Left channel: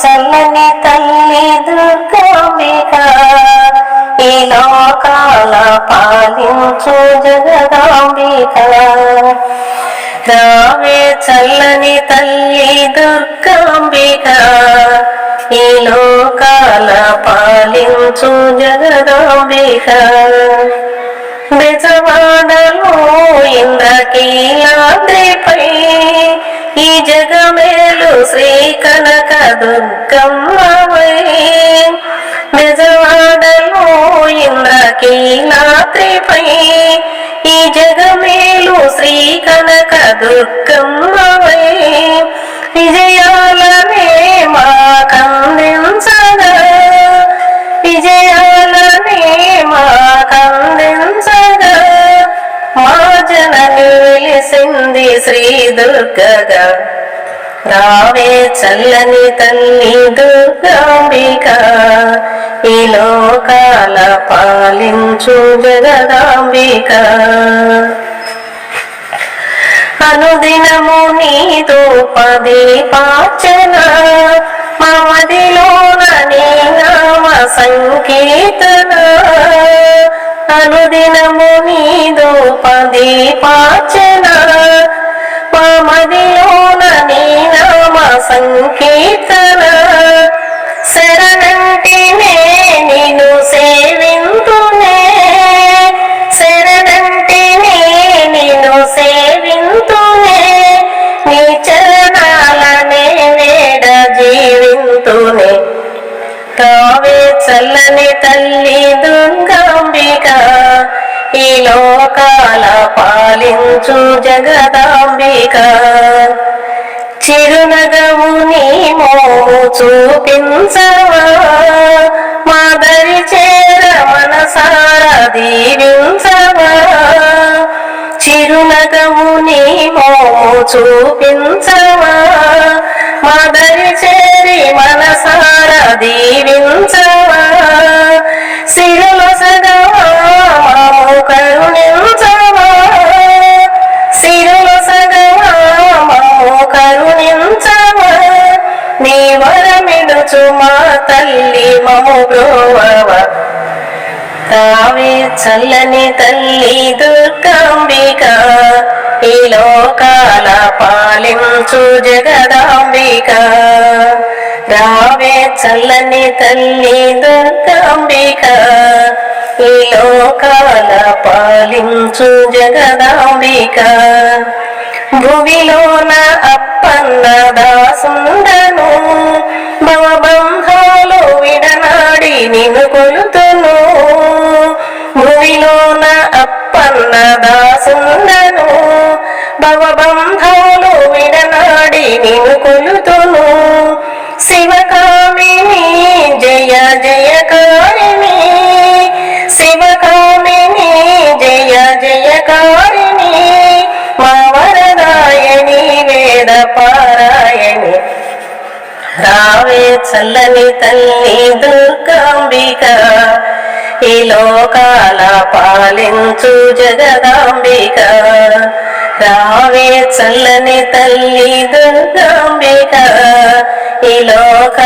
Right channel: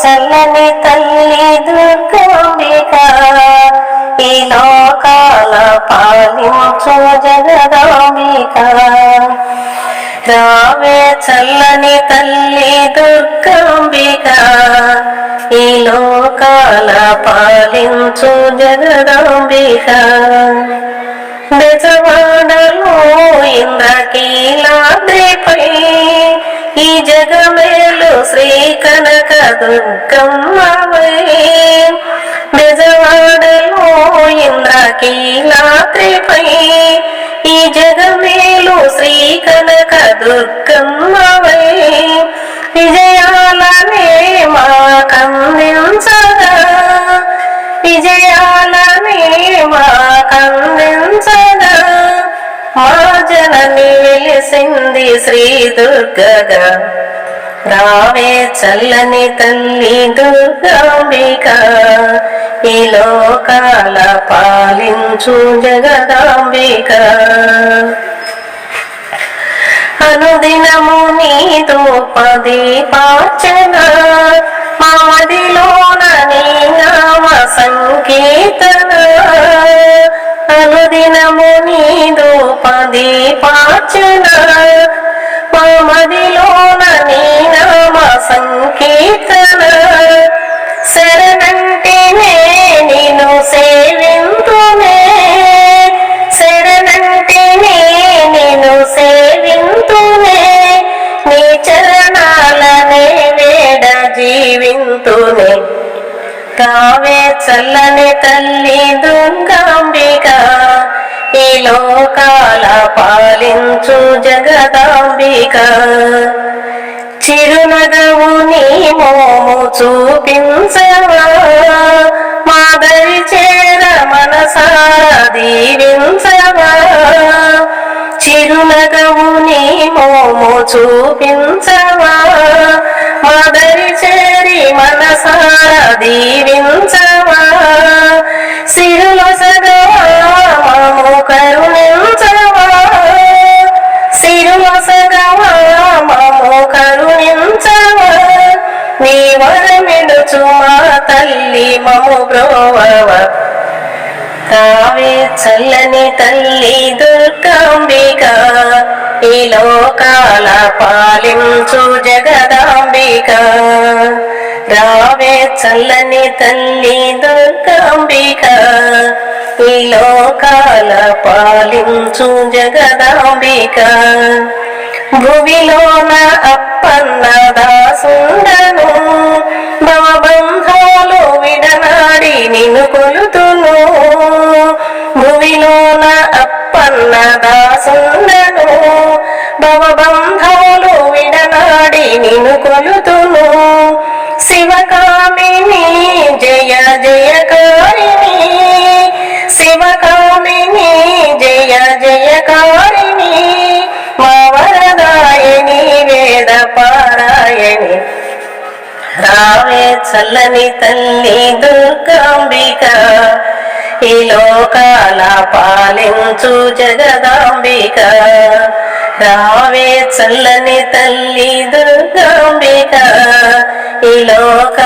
చల్లని తల్లి దుర్గాంబిక ఈ లోకాల పాలించు జగదాంబిక. రావే చల్లని తల్లి దుర్గాంబిక ఈ లోకాల పాలించు జగదాంబిక. బెజవాడలో ఇంద్రకీలాద్రిపై ఈ జగమేలు శ్రీక దుర్గమ్మవై బెజవాడలో ఇంద్రకీలాద్రిపై ఈ జగమేలు శ్రీ కనక దుర్గమ్మవై విజయాలనే మా కందించగా విజయాలనే మా కందించగా మా జన నిలిసింది శ్రీ దుర్గగా రావే చల్లని తల్లి దుర్గాంబిక. ఈ లోకాల పాలించు జగదాంబిక. అనుదినము నీతో పది పాచన మా మదిలోన నీ నామ సంకీర్తన. అనుదినము నీదు పది పాచన మా చరణాలనే వేడ జీవింతునే. తావే చల్లని తల్లి దుంగాంబిక ఈ లోకాల పాలించు జగదాంబిక. చిరునగవు నీ మోము చూపించవా? మాదరి చేర మనసార దీవించవా? చిరునగవు నీ మోము చూపించవా దీవించవా? సిరులో మాము కరుణించవా? సిరులో మాము కరుణించవా? నీ వరమిడుచు మా తల్లి మము బ్రోవవా తావే చల్లని తల్లి దుర్గాంబిక ఈ లోకాల పాలించు జగదాంబిక. చల్లని తల్లి దుర్గాంబిక ఈ లోకాల పాలించు జగదాంబిక. భువిలోన అప్పన్న దాసుండను భవబంధాలు విడనాడి నిన్ను కొలుతును. భువిలోన అప్పన్న దాసుండను భవబంధాలు విడనాడి నిన్ను జయ జయకారిణి శివకామిని జయ జయకారిణి మా వరదాయని వేద పారాయణి. రావే చల్లని తల్లి దుర్గాంబిక ఈ లోకాల పాలించు జగదాంబిక. రావే చల్లని తల్లి దుర్గాంబిక ఈ లోకాల